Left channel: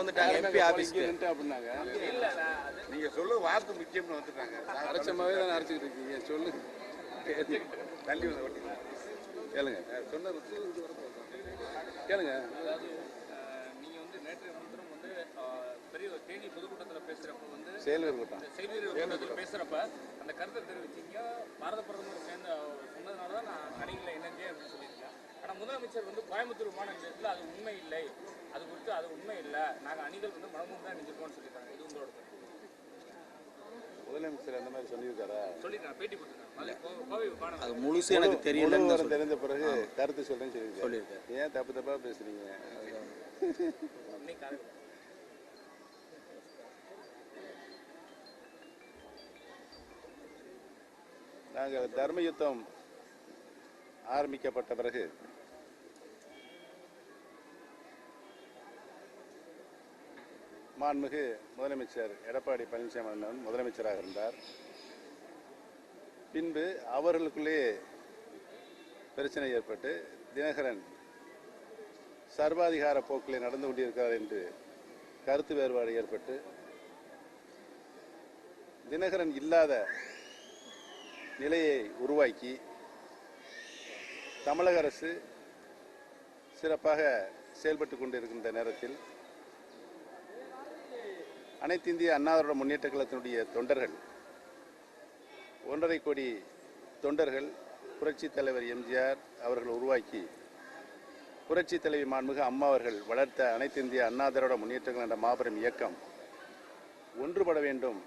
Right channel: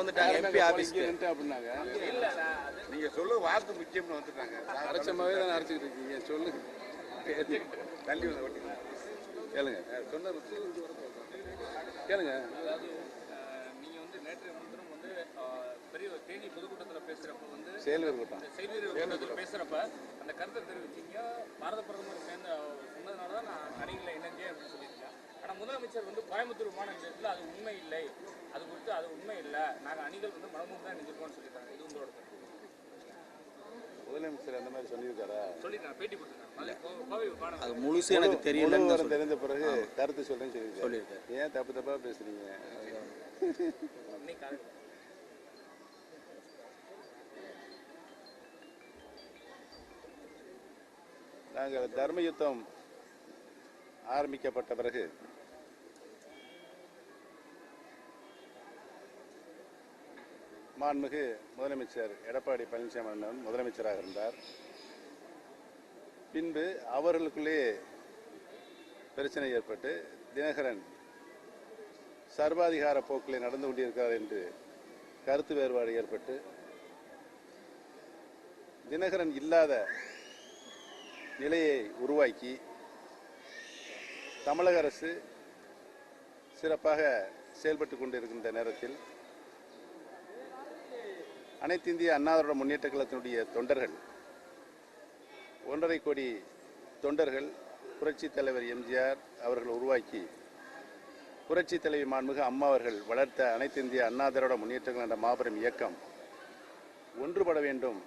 வந்துட்டாங்க, எம்பி ஆபீஸ்க்கு அப்படின்னாங்க. நீங்க சொல்ல வாக்கு முக்கியம்னு வந்துட்டாங்க. அரைச்சமாவே தானே அரைச்சிக்கிட்டு இருக்கீங்க. சொல்லுங்க, தள்ளி வந்து ஓட்டிங்க கேளுங்க. சொன்ன கேளுங்க. அதாவது நீங்க நேற்று முன்தினம் பெரிய தேனி பொதுக்கூட்டத்தில் பேசுறப்ப செயல்வீரர் கூட்டம் கூட்டத்தில் பேசுறப்ப அந்த கருத்தை தெரிவிச்சீங்க. பாரத பிரதமர் சொன்னதுனால தான் நான் அணிகளை இணைஞ்சேன் அப்படின்னு சொல்லியிருக்கேன். ஆனால் முதலமைச்சர் கோயம்புத்தூர் விமான நிலையத்தில் அது உண்மை இல்லை, அது குறித்து அது உண்மை இல்லை, நாங்கள் அணிகள் மனமும் தான் நினைஞ்சிருக்கோம்னு சொல்லியிருக்காங்க. இது உங்களோட முதலமைச்சர் அந்த மாதிரி சொல்லியிருக்காரா? சொல்லியிருக்காங்க, பேட்டி கொடுத்துருக்காங்க. அது முழுசு எனக்கு தெரியல. தெரிந்த பிறகு கருத்து சொல்றேன்னு சொல்லியிருக்காரு. ஏன் தப்பா பேசுறீங்க? நாங்கள் தர்ம யுத்தம் ஆரம்பிக்கப்பட்ட பிறகு மாண்புமிகு முதலமைச்சர் எடப்பாடி பழனிசாமி அண்ணன் முதலமைச்சராக இருந்தார். பின்பு அவர்களுக்குள்ளே பிரச்சனை ஏற்பட்டு தினகரன் சர்வாதிகார போக்கிலே நடந்து கொண்டிருக்கிறார் என்று கருத்து வேறுபாடு ஏற்பட்டு தினகரன் இல்லாத நிலையை உருவாக்கி தமிழக அரசு சிறப்பாக செயல்பட்டு கொண்டிருக்கின்ற நேரத்தில் அனைத்து இந்திய அண்ணா திராவிட முன்னேற்ற கழகத்தினுடைய தொண்டர்கள் 1.5 கோடி தொண்டர்கள் புரட்சி தலைவர் எம்ஜிஆர் அவர்கள் உருவாக்கி புரட்சி தலைவி மாண்புமிகு அம்மா அவர்கள் வளர்த்த அனைத்து இந்திய அண்ணா திராவிட முன்னேற்ற கழகம் என்ற மாபெரும் இயக்கம் ஒன்றுபட வேண்டும்.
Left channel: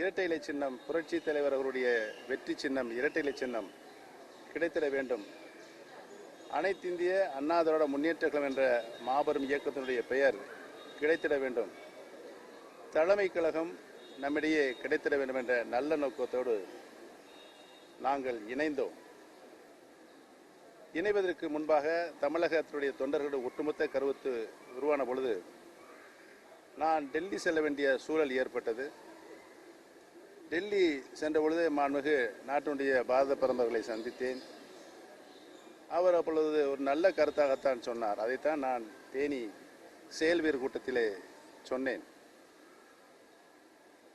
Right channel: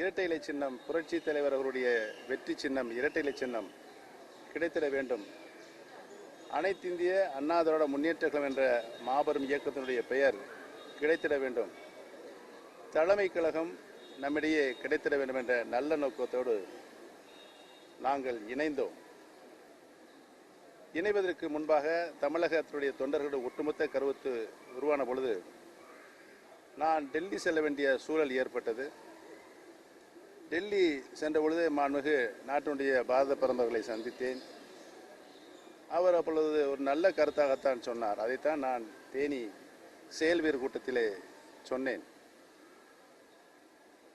இரட்டை இலை சின்னம் புரட்சி தலைவர் அவருடைய வெற்றி சின்னம் இரட்டை இலை சின்னம் கிடைத்திட வேண்டும். அனைத்து இந்திய அண்ணா திராவிட முன்னேற்ற கழகம் என்ற மாபெரும் இயக்கத்தினுடைய பெயர் கிடைத்திட வேண்டும். தலைமை கழகம் நம்மிடையே கிடைத்திட வேண்டும் என்ற நல்ல நோக்கத்தோடு நாங்கள் இணைந்தோம். இணைவதற்கு முன்பாக தமிழகத்தினுடைய தொண்டர்களுடைய ஒட்டுமொத்த கருத்து உருவான பொழுது நான் டெல்லி செல்ல வேண்டிய சூழல் ஏற்பட்டது. டெல்லி சென்ற பொழுது மாண்புமிகு நாட்டினுடைய பாரத பிரதமர்களை சந்தித்தேன். அவர் அப்பொழுது ஒரு நல்ல கருத்தாகத்தான் சொன்னார். அதைத்தான் நான் தேனி செயல்வீரர் கூட்டத்திலே சொன்னேன்.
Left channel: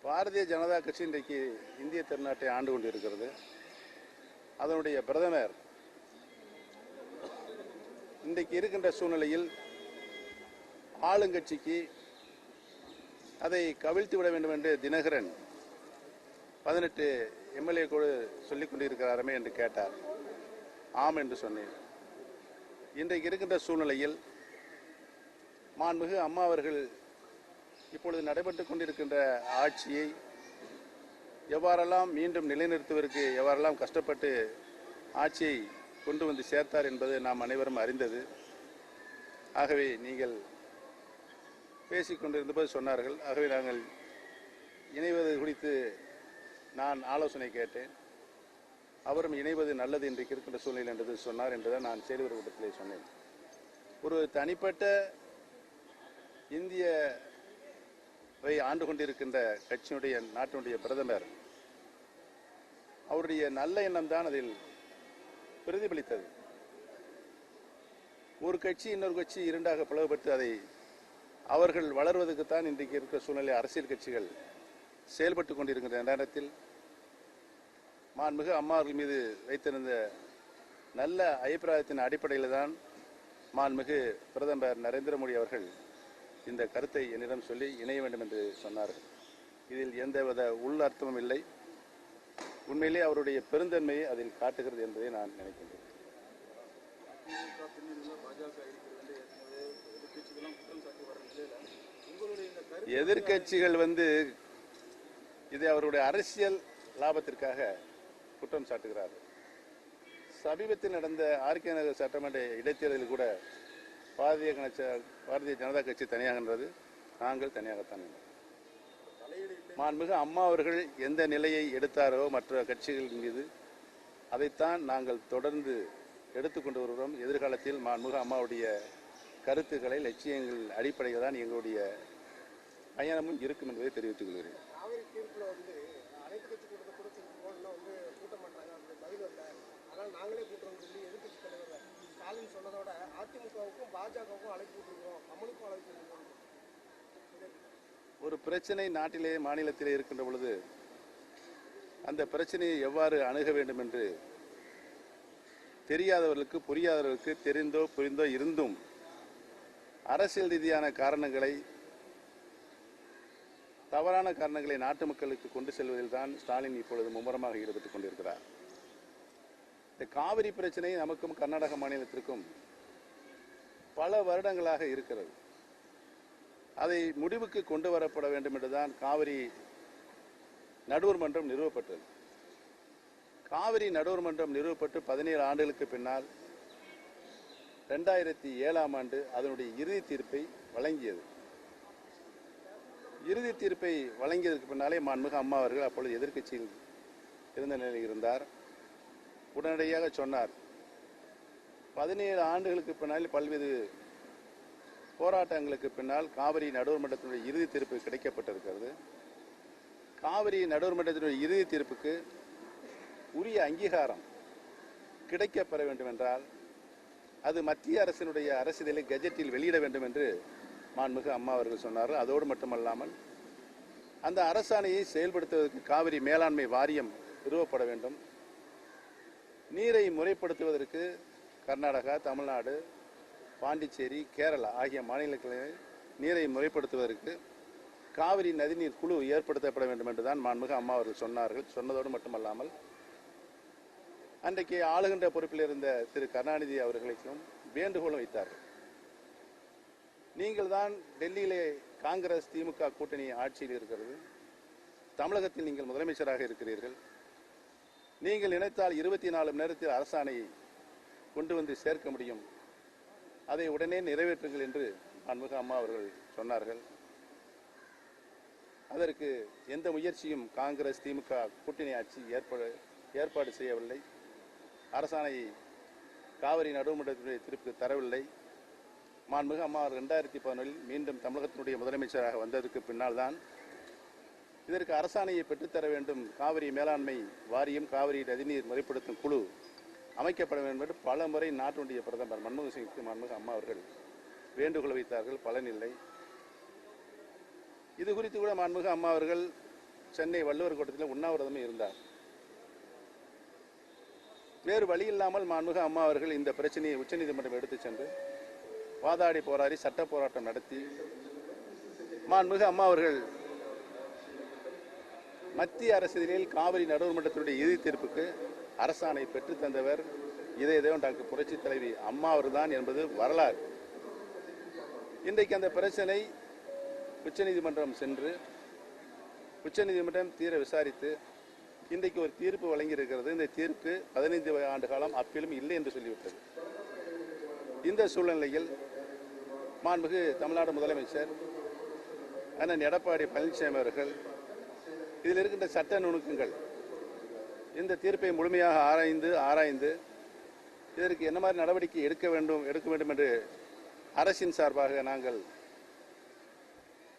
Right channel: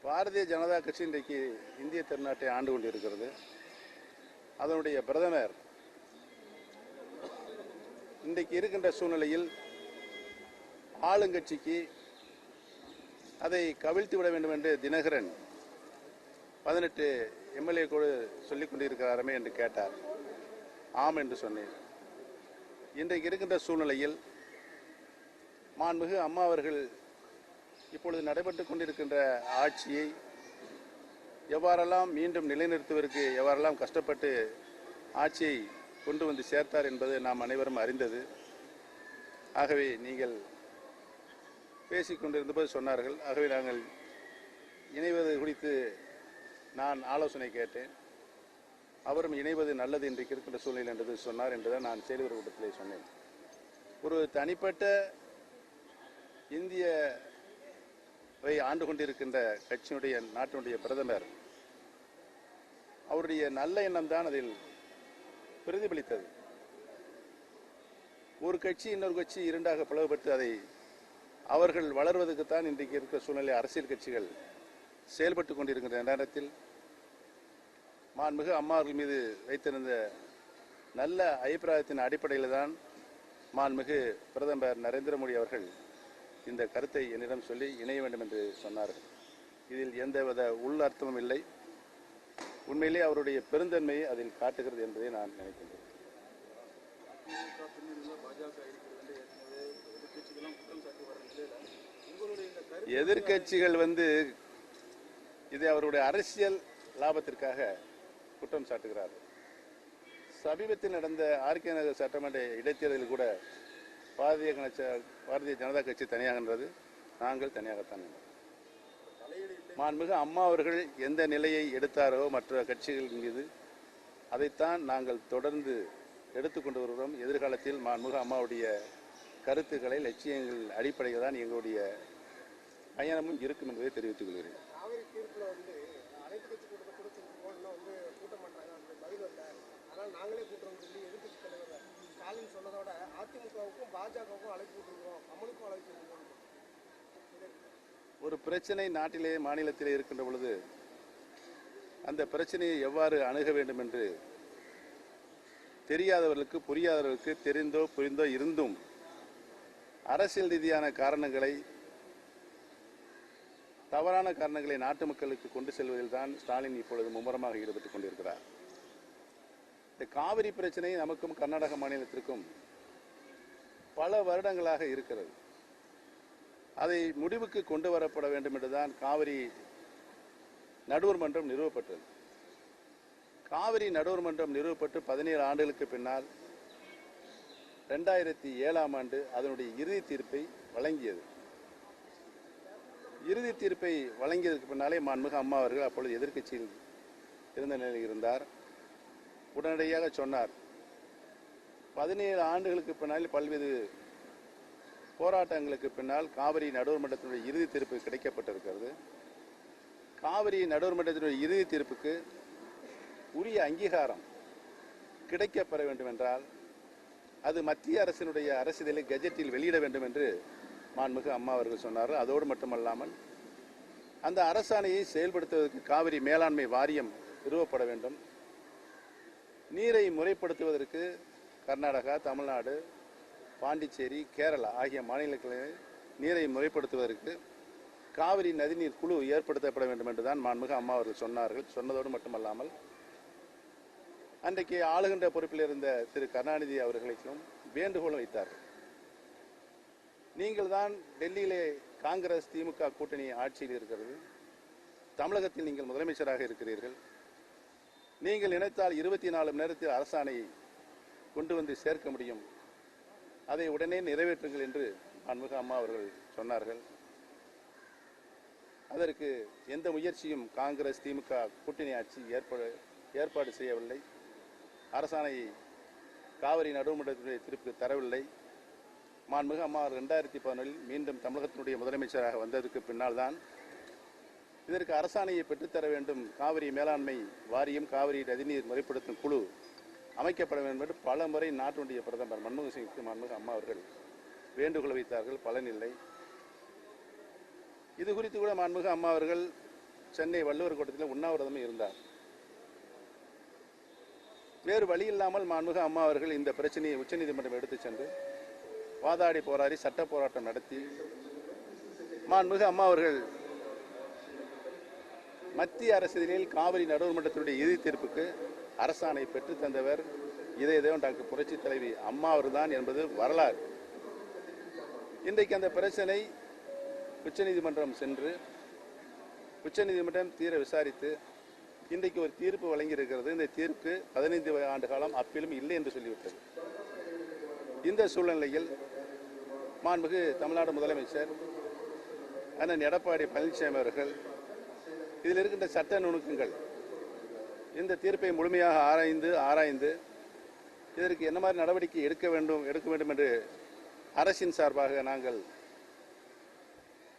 பாரதிய ஜனதா கட்சி இன்றைக்கு இந்திய திருநாட்டை ஆண்டு கொண்டிருக்கிறது. அதனுடைய பிரதமர் இன்றைக்கு இருக்கின்ற சூழ்நிலையில் ஆளுங்கட்சிக்கு அதை கவிழ்த்து விட வேண்டும் என்று தினகரன் 18 எம்எல்ஏ கூட சொல்லிக் கொண்டிருக்கிறாரமே என்று கேட்டார். ஆம் என்று சொன்னேன். இன்றைக்கு இருக்கின்ற சூழ்நிலையில் மாண்புமிகு அம்மா அவர்கள் இப்பொழுது நடைபெற்றுக் கொண்டிருக்கின்ற ஆட்சியை எவ்வாறெல்லாம் மீண்டும் நிலைநிறுத்துவதற்கு எவ்வாறெல்லாம் கஷ்டப்பட்டு ஆட்சியை கொண்டு வந்து சேர்த்தார் என்பது நாம் அனைவரும் அறிந்தது. ஆகவே நீங்கள் பேசிக்கொண்டிருந்தபோது சொன்னார்கள். ஆகவே நாங்கள் இணைவது குறித்து நான் ஆலோசனை கேட்டேன். அவரும் இணைவது நல்லது இன்றைக்கு இருக்கின்ற சூழ்நிலை என்று சொன்னார் என்றுதான் நான் செயல்வீரர் கூட்டத்திலே சொன்னேன். ஒரு தனிப்பட்ட இந்தியாவை ஆண்டு கொண்டிருக்கின்ற கட்சியினுடைய நாட்டினுடைய பிரதமர் அவருடைய நல்ல எண்ணம் தான் அதில் பிரதிபலித்தது. ஒரு கட்சி இன்னொரு கட்சி இரண்டாக பிளவுபட்டு அதை அவர்கள் வளர்வதற்குத்தான் இன்றைக்கு இருக்கிற சூழ்நிலை அரசியல் கட்சிகள் செயல்பட்டு கொண்டிருக்கின்ற நேரத்தில் மாண்புமிகு அம்மா அவர்கள் மீது வைத்திருந்த நல்ல அபிப்பிராயத்தின் அடிப்படையில் தான் மாண்புமிகு பிரதமர் நரேந்திர மோடி அவர்கள் இந்த கருத்தை என்னிடம் சொல்லி இணைய வேண்டும் என்று சொன்னார்கள். இதில் எந்தவித உள் அர்த்தமும் இல்லை. உண்மையிலே அவருடைய பெருந்தன்மையை அதில் காட்டுகிறது என்பதை நான் நினைக்கின்றேன். எதிர்கட்சிகள் இதை அவருடைய அரசியல் லாபத்திற்காக குற்றம் சாட்டுகிறார்கள். சமீபத்தில் நடந்த ஆர்கே நகர் சட்டமன்ற இடைத்தேர்தலில் கூட பாரதிய ஜனதா கட்சி தனியாக நின்றது, நாங்கள் தனியாகத்தான் நின்றோம். மாண்புமிகு அம்மா அவர்கள் எந்த நிலையை எடுத்தாரோ மற்ற கட்சிகளின் மீது அதைத்தான் நாங்கள் தொடர்ந்து எடுத்துக்கொண்டு வருகிறோம். எதிர்காலத்தில் மாண்புமிகு அம்மாவுடைய கருத்துக்களை லட்சியங்கள் அடிப்படையில் தான் எங்களுடைய பயணமும் இருக்கும் என்பதை தெரிவித்துக் கொள்கிறேன். நாங்களே கூட்டுறோம் சொல்லி எதிர்கட்சி தலைவர் ஸ்டாலின் சொன்னதோட அதிமுகவுக்கும் பாஜகவுக்கும் அழைப்பு விட்டுருக்கோம், அமலுக்கும் அழைப்பு விட்டுருக்கோம். ஒரு பிரச்சனை நாட்டிலே மாநிலத்திலே இருக்கின்ற பொழுது அந்த பிரச்சனையை எவ்வாறு அணுக வேண்டும் என்று தெரியாதவர்களுக்கு, புரியாதவர்களுக்கு, தெரிந்தோ புரிந்தோ இருந்தும் அரசியல் ரீதியான காரணங்களை, தவறான காரணங்களை நாட்டு மக்களுக்கு கொண்டு செல்வதில் தான் ஸ்டாலின் இப்பொழுது மும்முரமாக ஈடுபட்டுக் கொண்டிருக்கிறார். இந்த காவிரி பிரச்சனை நமக்கும் கர்நாடக மாநிலத்திற்கும் பல வருடங்களாக இருக்கிறது. அதை முடிவுக்கு கொண்டு வரப்பட வேண்டும் என்றுதான் காவிரி நடுவர் மன்றம் நிறுவப்பட்டது. காவிரி நடுவர் மன்றம் நிறுவப்பட்டு 17 ஆண்டுகளுக்கு பின்னால் 2007ஆம் ஆண்டு அதனுடைய இறுதி தீர்ப்பை வழங்கியது. இறுதி தீர்ப்பை வழங்கியதற்கு பின்னாலே மாண்புமிகு அம்மா அவர்கள் அப்பொழுது எதிர்க்கட்சியில் இருந்த நிலையில் இருந்தார். உடனடியாக சொன்னார், 17 ஆண்டுகளுக்கு பின்னால் பல்வேறு போராட்டங்களுக்கு பின்னால் காவிரி நடுவர் மன்றத்தினுடைய இறுதி தீர்ப்பு கிடைக்கப்பட்டிருக்கிறது. காவிரி நடுவர் மன்றத்தினுடைய இறுதி தீர்ப்புக்கு உரிய அங்கீகாரம் கிடைக்கப்பெற வேண்டும் என்றால் அது மத்திய அரசினுடைய அரசிதழை கெஜெட்டில் வெளியிட வேண்டும் என்று மாண்புமிகு அம்மா அவர்கள் சொன்னார்கள். அதோடு மட்டுமல்லாமல் அந்த அரசாணையை செயல்படுத்துவதற்கு காவிரி மேலாண்மை வாரியம் நிறுவப்பட வேண்டும். நீரை முறைப்படுத்துவதற்கு கர்நாடகா, தமிழ்நாடு, பாண்டிச்சேரி, கேரளா ஆகிய மாநிலங்களில் நீரை முறைப்படுத்துவதற்கு காவிரி நதிநீர் குழு ஏற்படுத்தப்பட வேண்டும் என்றுதான் மாண்புமிகு அம்மா அவர்கள் சொன்னார்கள். சொன்னதோடு மட்டுமல்லாமல் அன்றைக்கு ஆளுகின்ற பொறுப்பில் இருந்த திரு கருணாநிதி அவர்களுக்கும் வேண்டுகோள் வைத்தார்கள். நீங்கள் தான் டெல்லியிலே காங்கிரஸ் திமுக கூட்டணி ஆட்சியில் இருக்கிறது, தமிழகத்தில் நீங்கள் முதலமைச்சராக இருக்கிறீர்கள், நீங்கள் நினைத்தால் 24 மணி நேரத்தில் அரசாணையை கொண்டு வந்து சேர்க்க முடியும், அதை உடனே நிறைவேற்றுங்கள் என்று மாண்புமிகு அம்மா அவர்கள் சொன்னார்கள். அதற்கு எந்த முயற்சியும் காங்கிரஸ் திமுக கூட்டணி ஆட்சி ஏற்பாடு செய்யவில்லை. அரசாணையை காவிரி நடுவர்மன்றத்தினுடைய தீர்ப்புக்கு தரவில்லை. மாண்புமிகு அம்மா 2011 மீண்டும் தமிழகத்தினுடைய முதலமைச்சராக வந்ததற்கு பின்னால் தான் இதற்கு அரசாணையை பெற்றுத்தர வேண்டும், காவிரி மேலாண்மை வாரியம், காவிரி நதிநீர் முறைப்படுத்தும் குழு அமைக்கப்பட வேண்டும் என்று பல முறை நாட்டினுடைய பிரதமர் மன்மோகன் சிங்க்கு மாண்புமிகு அம்மா அவர்கள் வேண்டுகோள் வைத்தார்கள். பலனில்லை. இது குறித்து கூட மாண்புமிகு அம்மா அவர்கள் சென்னை வள்ளுவர் கோட்டத்தில் உண்ணாவிரதமே இருந்தார். வேறு வழி இல்லாமல் மாண்புமிகு அம்மா அவர்கள் இந்த பிரச்சனையை உச்சநீதிமன்றம் எடுத்துச் சென்று வாதாடி போராடி சட்ட போராட்டம் நடத்தி மாண்புமிகு அம்மா அவர்கள் மத்திய அரசியலில் காவிரி நடுவர்மன்றத்தினுடைய இறுதி தீர்ப்புக்கு அரசாணை பெற்றுத் தந்தவர் இதய தேவன் டாக்டர் புரட்சி தலைவி அம்மா அவர்தான் என்பது வரலாறு. இன்றைக்கு அந்த பிரச்சனை உச்சநீதிமன்றம் சென்று உச்சநீதிமன்றம் தீர விசாரித்து இன்றைக்கு ஒரு தீர்ப்பு வழங்கியிருக்கிறது. இந்த தீர்ப்பு 15 ஆண்டு காலம் அப்பீலும் இல்லை என்று சொல்லிவிட்டது. இந்த சூழ்நிலையில் மாண்புமிகு தமிழ்நாடு முதலமைச்சர் அண்ணன் எடப்பாடி பழனிசாமி அவர்கள் இதில் இருக்கின்ற சட்ட நுணுக்கங்கள், இந்த தீர்ப்பை முழுமையாக ஆராய்ந்து இதற்கு என்ன மாதிரி நடவடிக்கை எடுக்க வேண்டும் என்று அரசின் சார்பாக நாங்கள்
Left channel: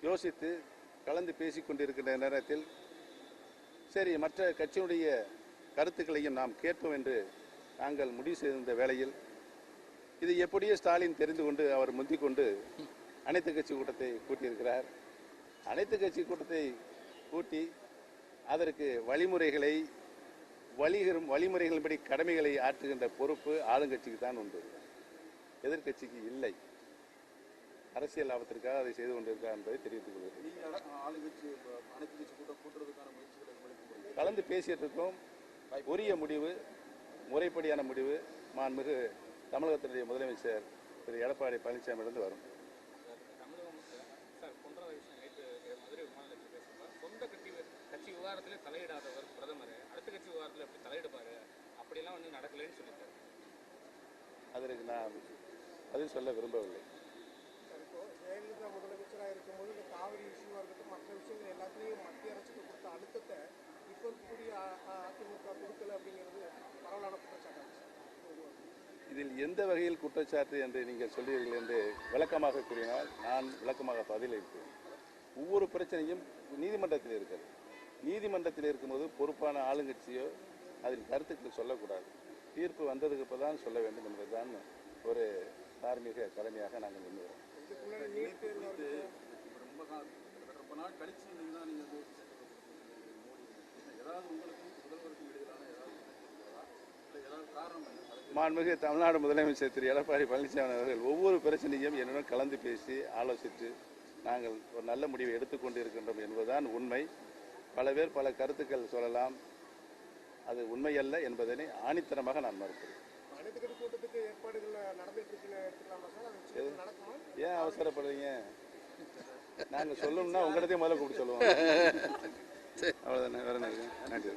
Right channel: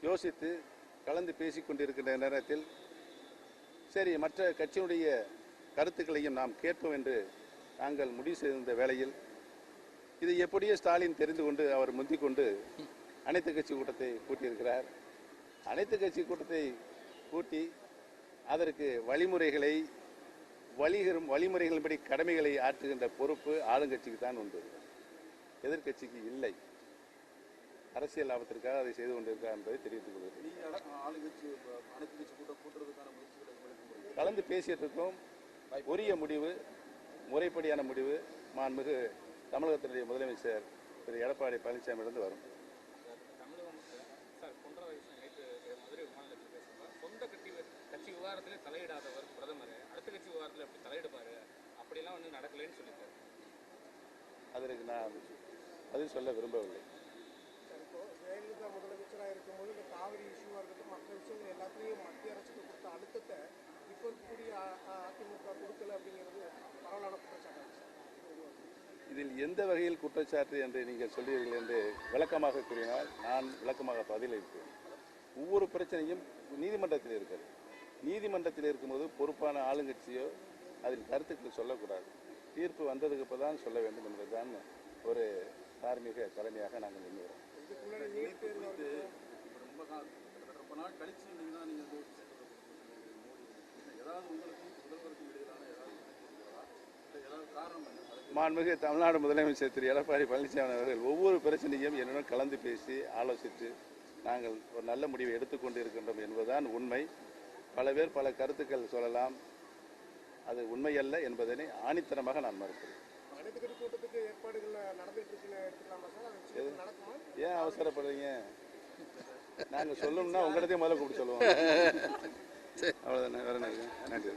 யோசித்து கலந்து பேசிக் கொண்டிருக்கின்ற நேரத்தில் சரி, மற்ற கட்சியினுடைய கருத்துக்களையும் நாம் கேட்போம் என்று நாங்கள் முடிவு செய்திருந்த வேளையில் இது எப்படியோ ஸ்டாலின் தெரிந்து கொண்டு அவர் முந்திக் கொண்டு அனைத்து கட்சி கூட்டத்தை கூட்டியிருக்கிறார். அனைத்து கட்சி கூட்டத்தை கூட்டி அதற்கு வழிமுறைகளின்படி கடமைகளை ஆற்றுகின்ற பொறுப்பு ஆளுங்கட்சிக்கு தான் உண்டு, எதிர்கட்சிக்கு இல்லை. அரசியல் லாபத்திற்காக அதை செய்து கொண்டிருக்கிறார் என்பதை தெரிவித்துக் கொள்கிறேன். கலந்து பேசிட்டு இருக்கோம். உரிய முடிவு, முறைப்படியான முடிவு மாண்புமிகு தமிழகத்தினுடைய முதலமைச்சர் திரு எடப்பாடி பழனிசாமியிலிருந்து வரும். சொந்த கட்சி விவகாரத்திலே தலையிடாதவர் பிரதமர் அடுத்த கட்சி விவகாரத்தில் எப்படி தலையிடுவாரு? அப்படியெல்லாம் வந்து நடக்கலைன்னு சொல்லிட்டார். அதற்கு நான் பதில் சொல்ல விரும்பவில்லை. இப்போ ஜெயலலிதா முதலமைச்சராக இருக்கும்போது இந்த காவிரி இஷ்யூவாக இருக்கட்டும், மற்ற விஷயங்கள் எல்லாத்துலேயும் மத்திய அரசுக்கு கொடுத்த அழுத்தத்தை இப்போ இருக்கக்கூடிய அதிமுக கொடுக்கல அப்படிங்கிறது பரவலான குற்றச்சாட்டு. இதில் எந்த வகையில் குற்றச்சாட்டு என்று நீங்கள் சொல்லுவீர்கள் என்று விளக்கமாக கூறினால் நான் விளக்கமாக பதிலளிப்பேன். ஒவ்வொரு பிரச்சனையும் நீதிமன்றத்தில் இருக்கிறது. நீதிமன்றத்தில் இருக்கும்போது பொறுப்பான ஆளுங்கட்சியோ அதில் கருத்துக்கள் சொல்லக்கூடாது. தீர்ப்பு வந்ததுக்கு இப்போ தான் சொல்ல வேண்டும் என்பதுதான் ஒரு தார்மீக கடமையாக நாங்கள் எண்ணுகிறோம். இதுக்கு முன்னாடி நீட் தேர்வு இருக்கட்டும், ரொம்ப நாள் கழிச்சு நீங்கள் தான் நீங்கள் ஏதாவது உங்களுக்கும் முதல்வருக்கும் இடையிலான ஏதாவது காரணம் என்ன? மாண்புமிகு தமிழ்நாடு முதலமைச்சர் திரு எடப்பாடி பழனிசாமி அவர்கள் ஒவ்வொரு பிரச்சனையும் என்னுடன் கலந்து பேசி ஆலோசித்து நாங்கள் ஒரு நல்ல முடிவை எடுத்துக்கொண்டு இருக்கின்றோம் என்பதுதான் உண்மை. பல பேர் பல கருத்துக்கள் சொல்லலாம், அது உண்மையல்ல என்பதனை ஆணித்தரமாக நான் மறுக்கிறேன். அனைத்து கட்சி கூட்டத்துக்கு ஏற்பாடுகள் நடந்துட்டு இருக்குன்னு எடுத்துக்கலாமா சார்? அது நிச்சயம் நடக்குமா? ஏன் அவசரப்படுறீங்க? நாங்கள் சொல்லணும்னா உங்களிடத்தையும் முதல்ல கூப்பிட்டு சொல்லுவோம். அவ்வளோதானே, வேற என்ன இருக்கு? நன்றி.